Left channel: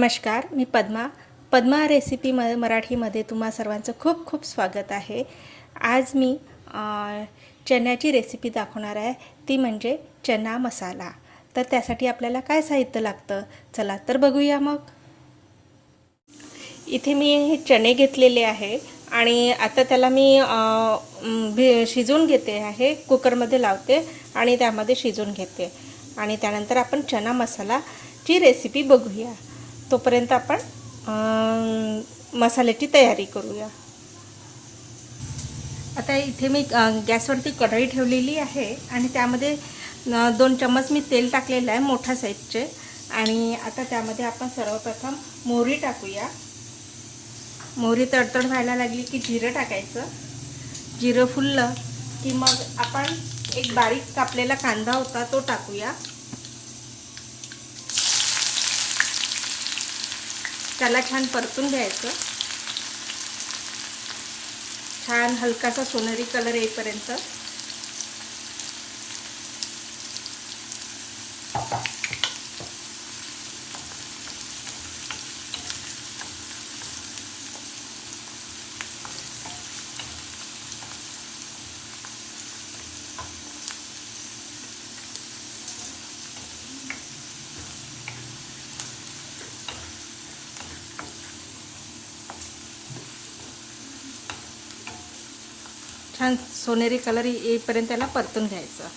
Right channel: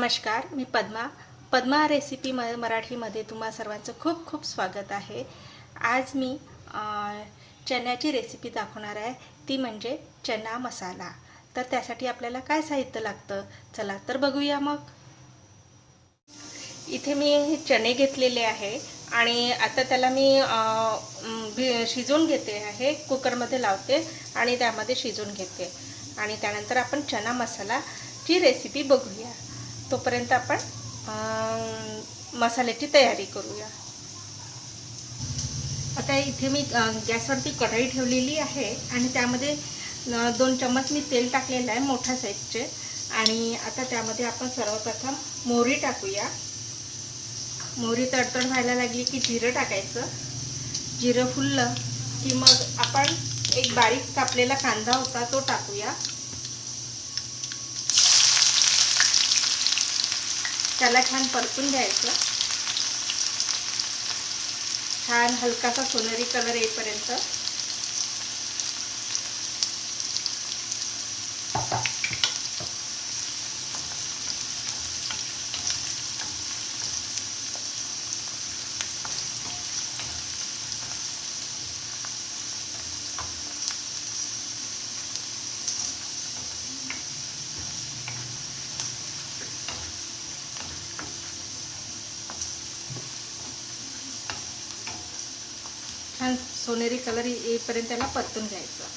नमस्कार, मी पद्मा रेसिपी मराठीमध्ये तुम्हा सर्वांचं खूप खूप स्वागत आहे। आज मी चण्याची रेसिपी दाखवणार आहे, ती म्हणजे चना मसाला। तर त्यासाठी आपल्याला काय साहित्य लागतं, चला तर बघूया मग। इथे मी हे चणे घेतलेले आहे आणि आता त्याला मी शिजवून घेते आहे, कुकरमध्ये लावते आणि त्यामध्ये शिजवून घेते आणि त्यानंतर आपण चना मसालाची रेसिपी बघूया। तोपर्यंत आपण मसाल्याची तयारी करूया। आता इथे मी गॅसवरती कढई ठेवलेली आहे आणि त्यामध्ये 2 चम्मच मी तेल टाकलेलं आहे, मोठ्या साईजचे। आणि आता त्यामध्ये आपण सर्वप्रथम मोहरी टाकूया। मोहरी तडतड व्हायला लागली की जिरं टाकायचं। जिरं फुललं की मग आपण एक बारीक कापलेला कांदा होता तो टाकूया। त्याला छान परतून घ्यायचं, छान हलकासा सोनेरी कलर येईपर्यंत। छान सोनेरी कलर येईपर्यंत त्याला परतून घ्यायचं।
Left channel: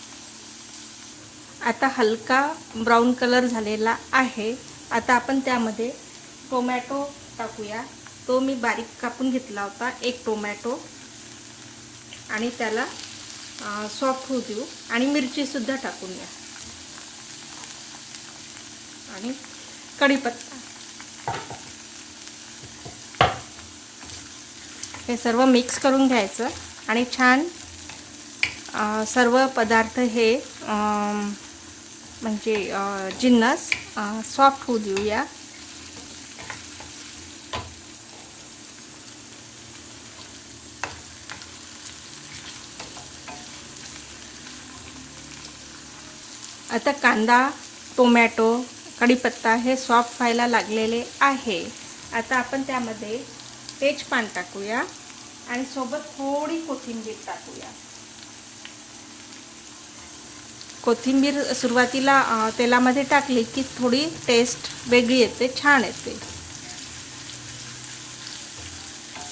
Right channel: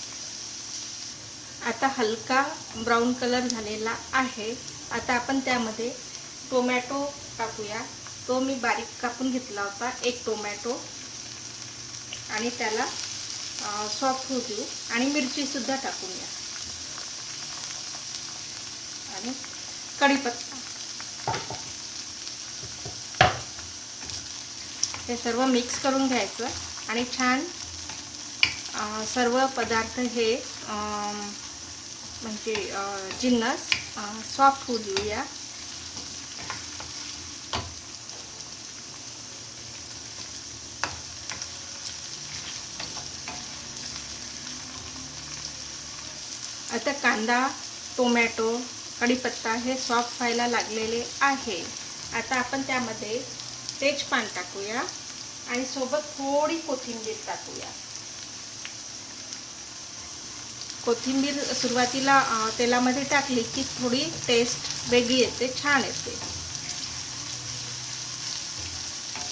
आता हलका ब्राऊन कलर झालेला आहे। आता आपण त्यामध्ये टोमॅटो टाकूया। तो मी बारीक कापून घेतला होता, एक टोमॅटो, आणि त्याला सॉफ्ट होऊ देऊ। आणि मिरची सुद्धा टाकून द्या आणि कढीपत्ता। हे सर्व मिक्स करून घ्यायचं आणि छान सर्व पदार्थ हे म्हणजे जिन्नस सॉफ्ट होऊ देऊया। आता कांदा, टोमॅटो, कढीपत्ता हे सॉफ्ट व्हायला लागलेले आहे। आता आपण त्यामध्ये तेजपान टाकूया आणि सोबत थोडी कोथिंबीर टाकूया। कोथिंबीर सुरुवातीला तेलामध्ये टाकली की थोडी टेस्ट वेगळी येते, छान येते।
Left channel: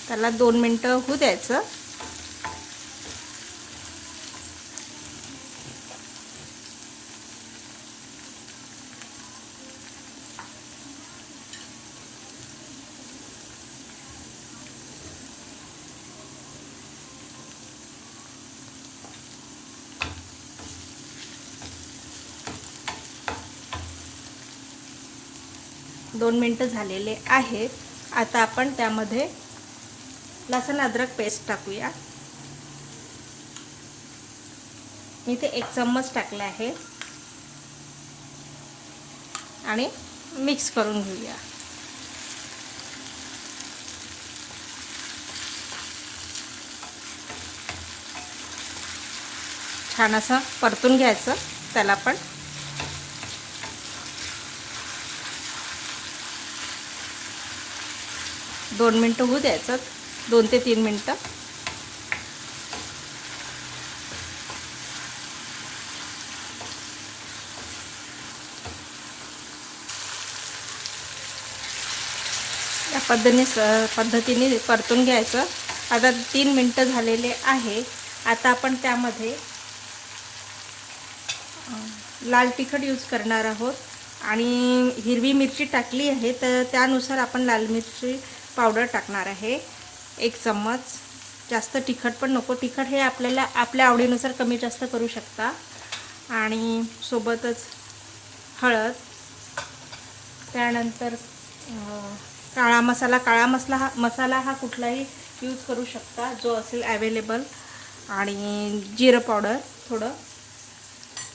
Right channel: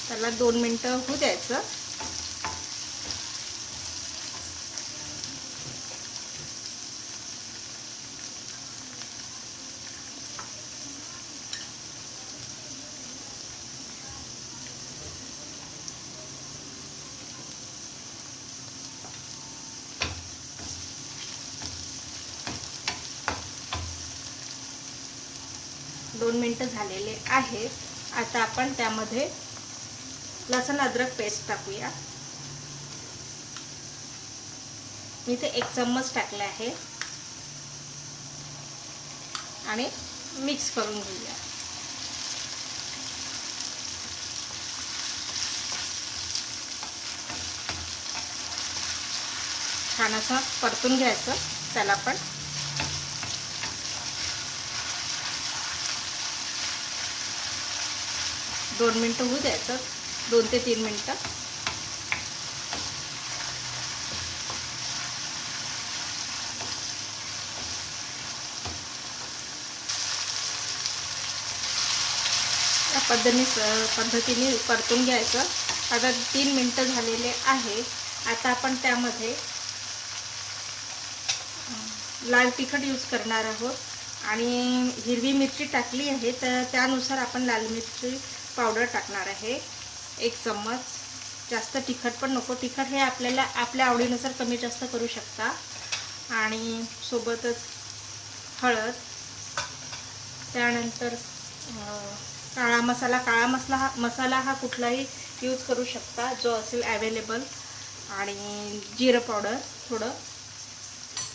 त्याला 2 मिनिटं होऊ द्यायचं। दोन मिनिटं झालेले आहेत। आता आपण त्यामध्ये लसूण अद्रक पेस्ट टाकूया। मी इथे 1 चम्मच टाकले आहे आणि मिक्स करून घेऊया। छान असं परतून घ्यायचं त्याला पण। दोन मिनिटं होऊ द्यायचं, 2 ते 3 मिनिटं। या पद्धतीने परतून घ्यायचं। आता 3 मिनिटं झालेले आहे। आता आपण त्यामध्ये लाल तिखट यूज करणार आहोत आणि हिरवी मिरची टाकली आहे, तर त्यानुसार आपण लाल मिरची पावडर टाकणार आहे, 1 चम्मच। जास्त तिखट पण नको, तिखट हे आपल्याला आपल्या आवडीनुसार कमी जास्त करू शकता। आणि सोबतच हळद, त्यानंतर काळा मसाला हा कुठलाही यूज करू शकता जो असेल अवेलेबल, आणि जिरं पावडर थोडं,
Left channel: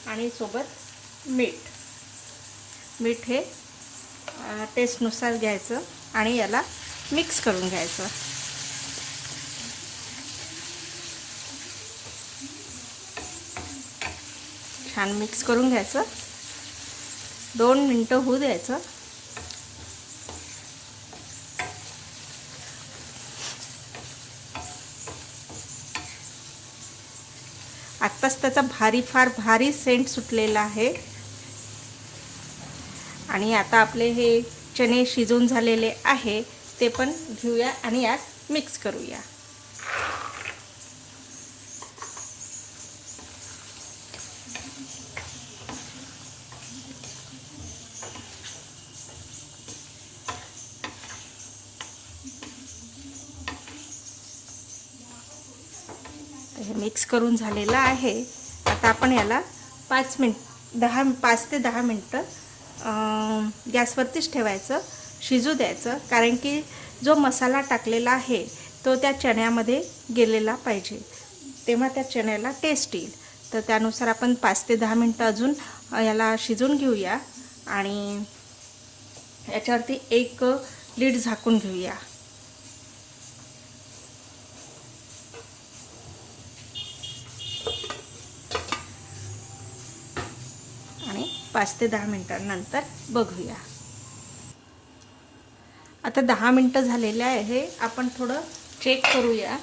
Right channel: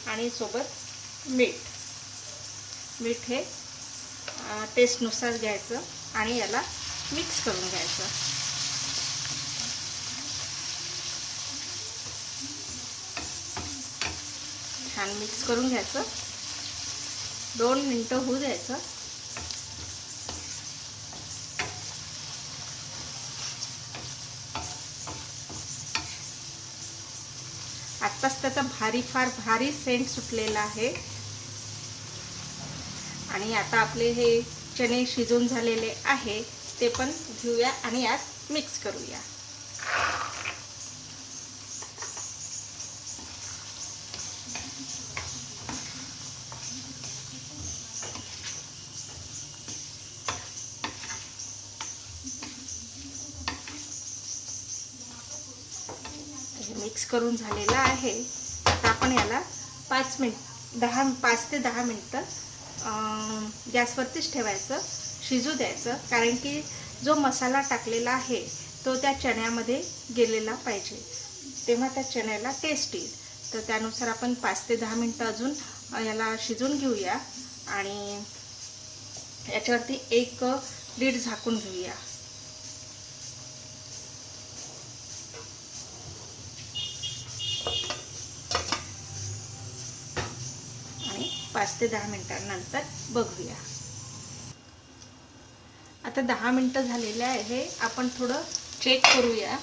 आणि सोबत मीठ हे टेस्टनुसार घ्यायचं आणि याला मिक्स करून घ्यायचं। छान मिक्स करून घ्यायचं, 2 मिनिटं होऊ द्यायचं। आत्ताच त्याचा फार भारी सेंट सुटलेला आहे. आणि आता आपले हे चणे शिजून झालेले आहे ते पण घेऊया आणि यात मिक्स करूया. मिक्स करून झालेला आहे. आता आपण याला 5 ते 10 मिनटं गॅसवरतीच ठेवायचं, शिजू द्यायचं. कारण की जो मसाला टाकलेला आहे तो त्या चण्यामध्ये गेलेला पाहिजे, तेव्हा त्या चण्याला टेस्ट येईल. तर त्यानुसार आपण 5 ते 10 मिनटं अजून याला शिजून घेऊया आणि याच्यावरती एक लीड झाकून घेऊया. आणि 5 ते 10 मिनिटांनंतर बघूया. आता 10 मिनिटं झालेले आहे. आपण थोडं चेक करूया.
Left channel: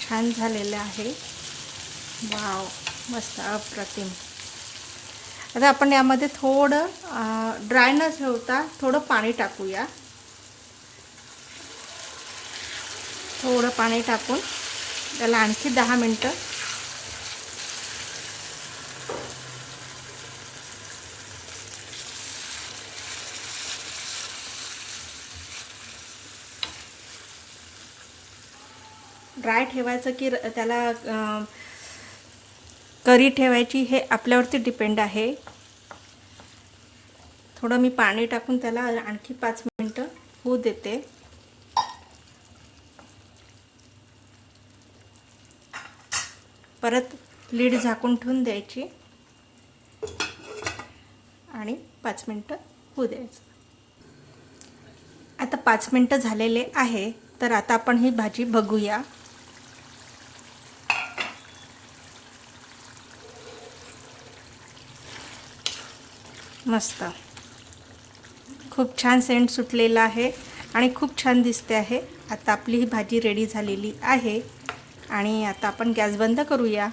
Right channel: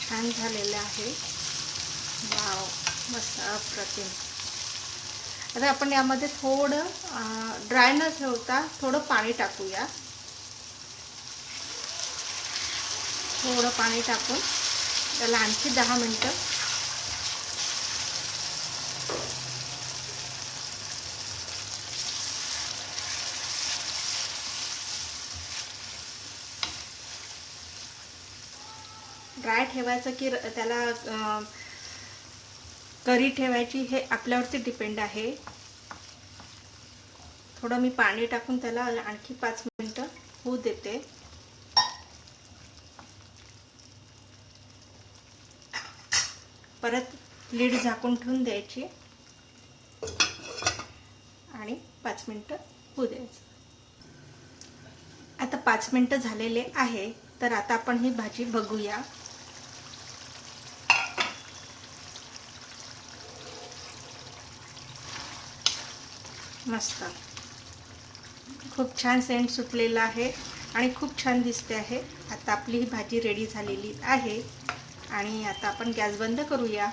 छान झालेलं आहे. वाव, मस्त, अप्रतिम. आता आपण यामध्ये थोडं ड्राय न ठेवता थोडं पाणी टाकूया. थोडं पाणी टाकून त्याला आणखी 10 मिनिटं ड्राय ठेवायचं की त्याला करी ठेवायची हे आपल्यावरती डिपेंड आहे. थोडं मी पाणी टाकून त्याला आणखी 5 मिनिटं होऊ देते. परत लीड झाकून ठेवून द्यायची आणि 5 मिनिटं होऊ द्यायचं. आता 5 मिनिटं झालेले आहे. तर आता आपण ही भाजी बघूया. मस्त, खूप छान सेंट सुटलेला आहे आणि खूप छान दिसते आहे. आता आपली ही भाजी रेडी झालेली आहे आणि आता आपण गॅस बंद करूया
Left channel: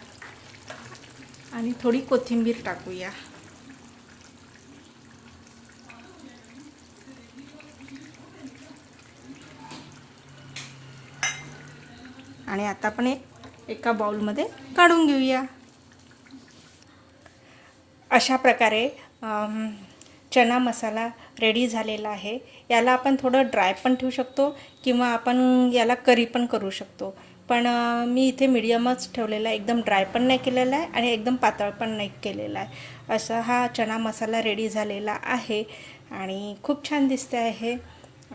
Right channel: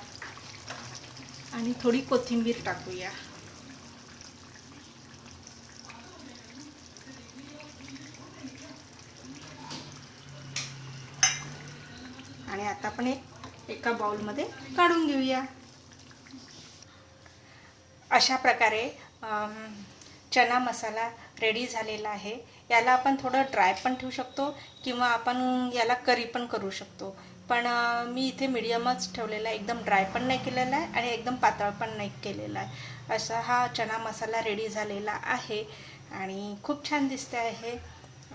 आणि थोडी कोथिंबीर टाकूया. आणि आता आपण एका बाउलमध्ये काढून घेऊया. अशा प्रकारे चना मसाला रेडी झालेला आहे. याला आपण थोडं ड्राय पण ठेवू शकतो किंवा आपण याला करी पण करू शकतो. पण मी इथे मीडियमच ठेवलेला आहे. एकदम ड्राय पण नाही केलेला आहे आणि एकदम पातळ पण नाही केलेला आहे. असा हा चना मसाला रेडी झालेला आहे आणि खूप छान दिसते आहे.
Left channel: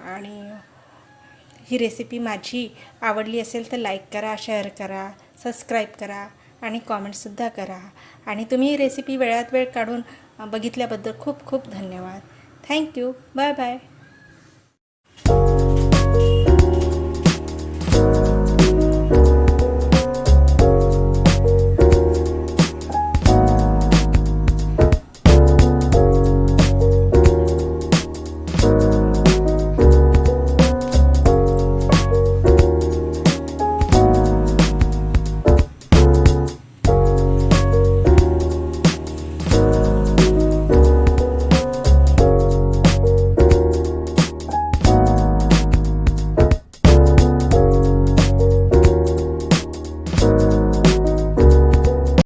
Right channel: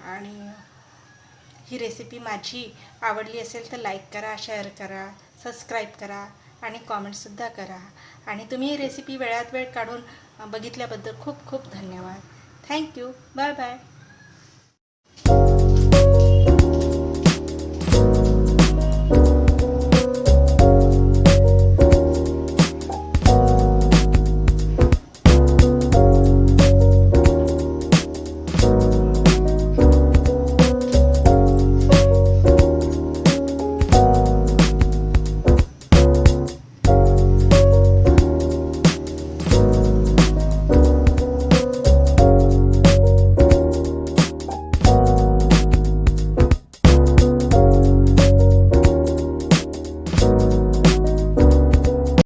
आणि ही रेसिपी माझी आवडली असेल तर लाईक करा, शेअर करा, सबस्क्राईब करा आणि कॉमेंटसुद्धा करा. आणि तुम्ही ही रेसिपी वेळात वेळ काढून बघितल्याबद्दल खूप खूप धन्यवाद. थँक्यू. Bye bye.